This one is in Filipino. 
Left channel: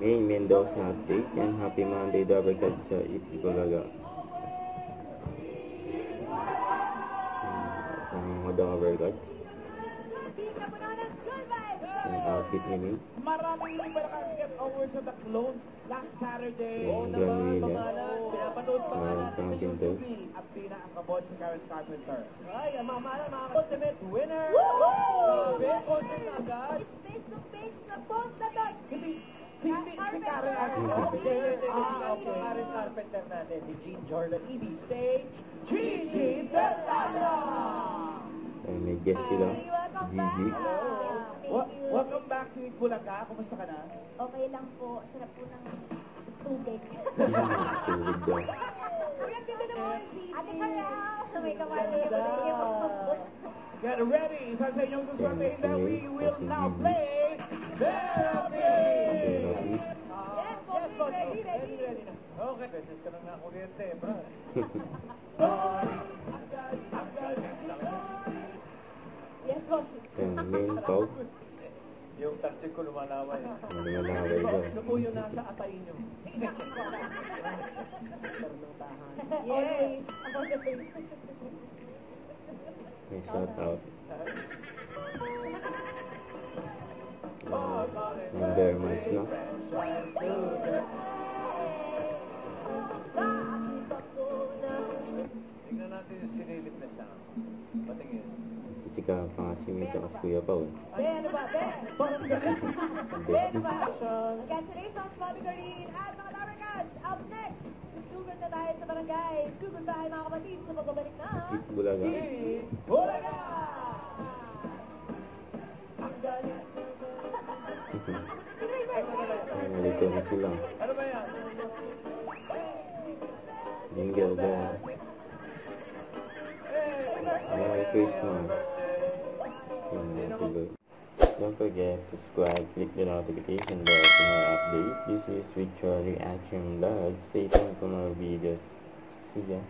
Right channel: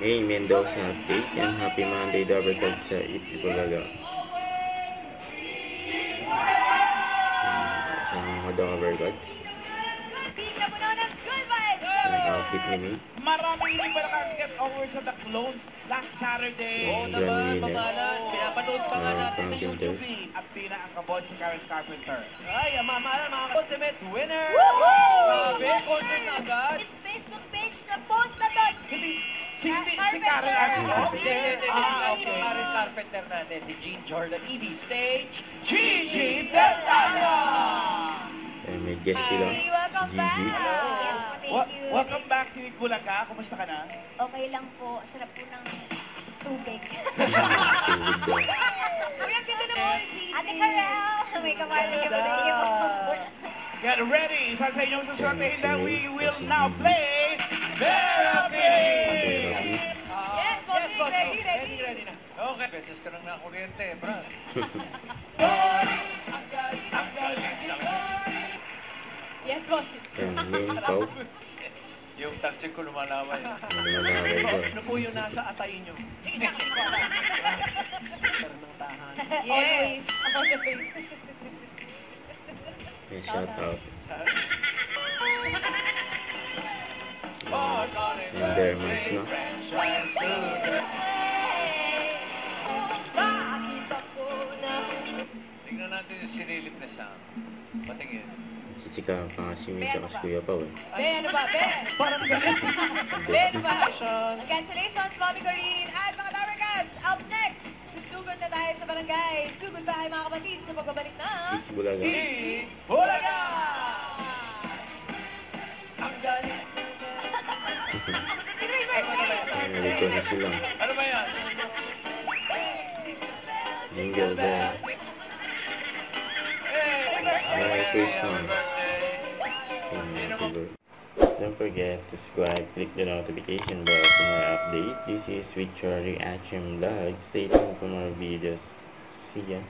May Mendoza update. Yan, happy Monday, double card sa Itbulaga. Sa mga hodong overcards. Ang outfit ni May. Maraming hindi pala get over sa The Clones last Saturday. Oo naman, mamalan. Pinapanood pa nga natin sa Carpenter. YouTube. At pinakakabot si Karen Carpenter. Ay, mamalan mga ultimate winner! Grabe, content na agad. His Facebook page na post na doon. Si Karen Armstrong? Hindi. Okay. Karen Carpenter natin, si Jean Jordan EB Stage. Gigi Deltano! Ay, may guest sila. Hey, welcome Gigi. back. Thank you. Welcome back to Itbulaga. Kumusta ka na? Okay lang po. Sarap po ng tubig. Tulog daw. Uy, ang ganda naman. Ate Karel. May kamali ka ba na iyo? Get ready! Isa sa inyong susunod that we will now play Therapy! Yes, boss. Ready. na. Okay. Beses ka nang nakuryente, Brad. Yes, boss. Yan, main pau. Yung taxi ko lumalaway. Ano naman daw. Ano po yung nasa atay nyo? Yes. May shout out. Yung Dermans, no? Nakakita ko na. Tingnan natin yung sinilip na sound. Patingin. Sisika pa nga si May sa Kuya Pao. Ben, ano ba? Ben! Parang galit. Ben ba? Congratulations, Mommy Corrine! At mga Power Cats, up next! Susugod na tayo sa barangay. Sugod bahay mga kapatid sa pagbabalik na... Itbulaga. Itbulaga! Ang galit. Nalito na sila. Ano ba yan? Jingle bell. Merry Christmas. Don't forget to subscribe, click the notification bell for more updates. This is Victory Reaction Vlog. Stay tuned for more videos. See ya.